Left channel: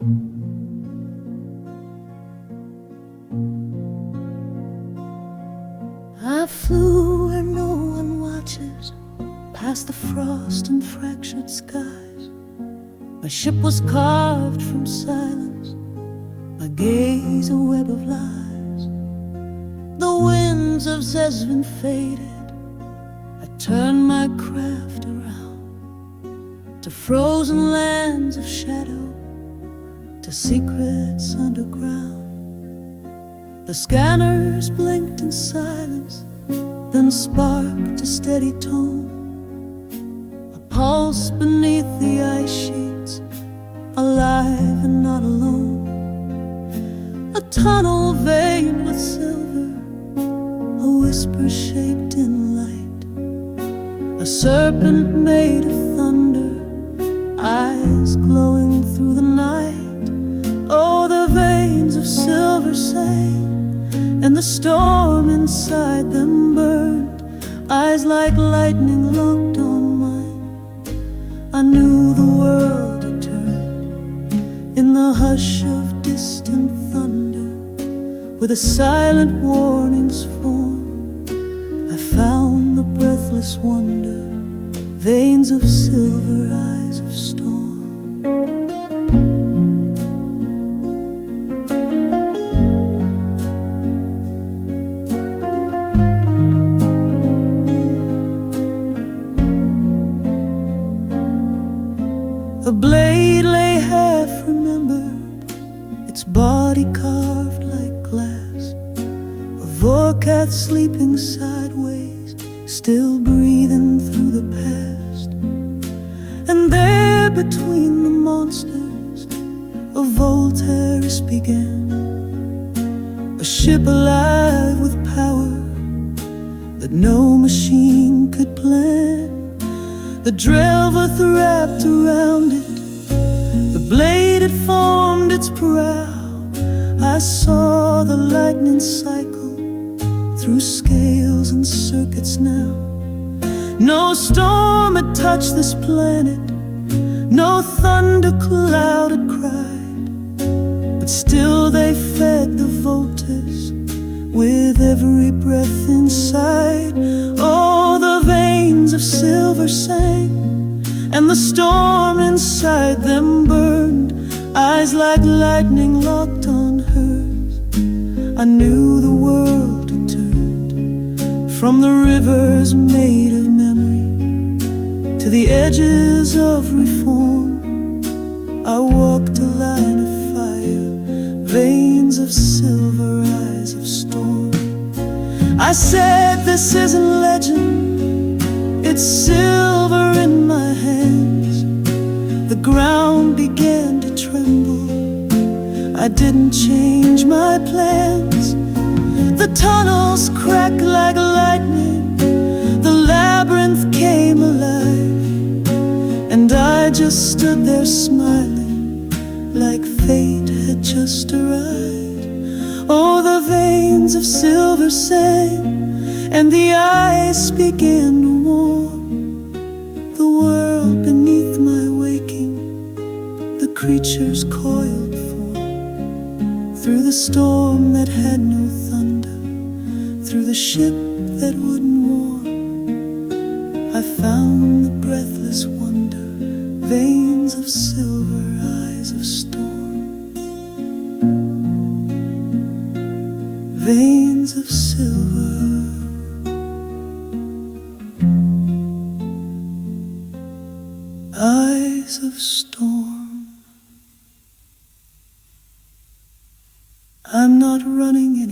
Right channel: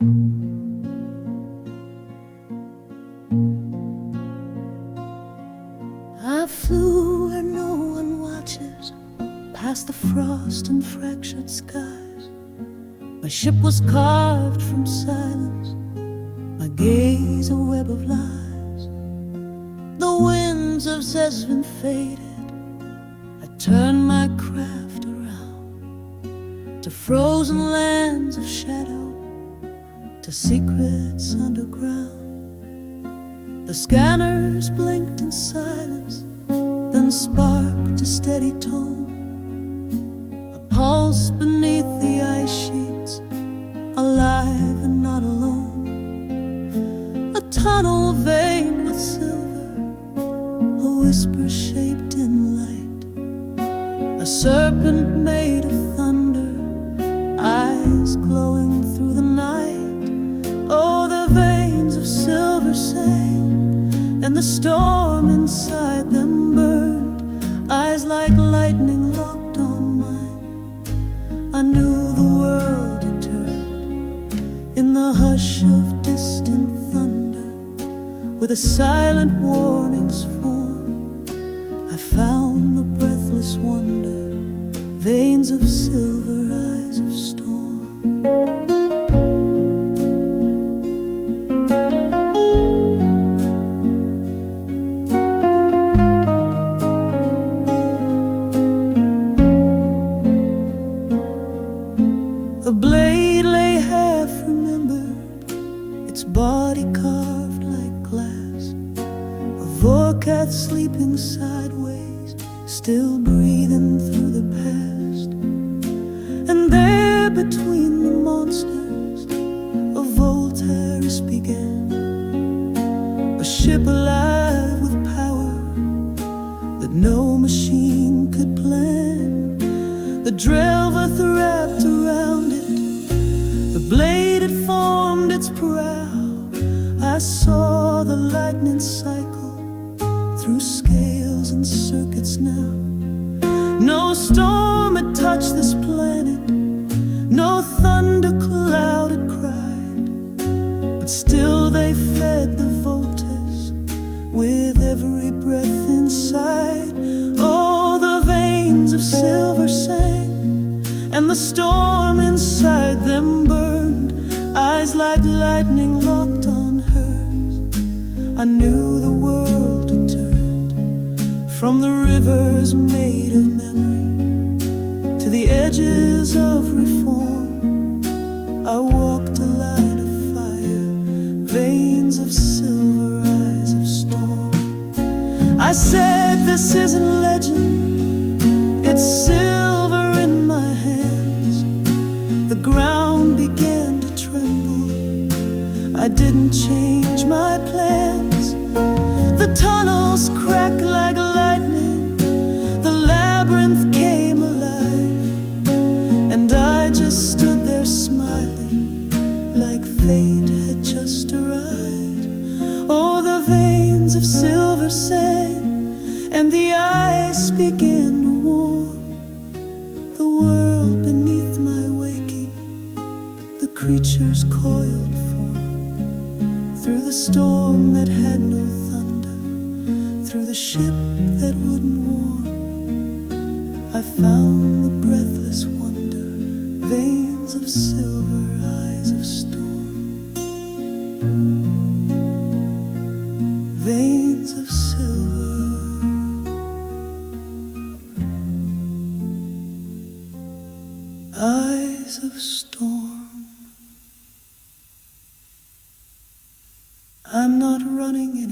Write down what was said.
I flew where no one watches, past the frost and fractured skies. My ship was carved from silence, my gaze a web of lies. The winds of Zesvin faded, I turned my craft around to frozen lands of shadow, to secrets underground. The scanners blinked in silence, then sparked a steady tone, a pulse beneath the ice sheets, alive and not alone. A tunnel veined with silver, a whisper shaped in light, a serpent made of thunder, eyes glowing through the night. Oh, the veins of silver sang, and the storm inside them burned, eyes like lightning locked on mine. I knew the world had turned in the hush of distant thunder, where the silent warnings form. I found the breathless wonder, veins of silver, eyes of storm. The blade lay half remembered, its body carved like glass, a Vorkath sleeping sideways, still breathing through the past. And there between the monsters a Voltaris began, a ship alive with power that no machine could plan. The Drelvath wrapped around it, the blade had formed its prow. I saw the lightning cycle through scales and circuits now. No storm had touched this planet, no thunder cloud had cried, but still they fed the Voltaris with every breath inside. Oh, the veins of silver sang, and the storm inside them burned, eyes like lightning locked on hers. I knew the world had turned from the rivers made of memory to the edges of reform. I walked a line of fire, veins of silver, eyes of storm. I said, this isn't legend, it's silver in my hands. The ground began to tremble, I didn't change my plans. The tunnels cracked like lightning, the labyrinth came alive, and I just stood there smiling, like fate had just arrived. Oh, the veins of silver sang, and the ice began to warm. The world beneath my waking, the creatures coiled form. Through the storm that had no thunder, through the ship that wouldn't warm, I found the breathless wonder, veins of silver, eyes of storm. Veins of silver, eyes of storm. I'm not running anymore.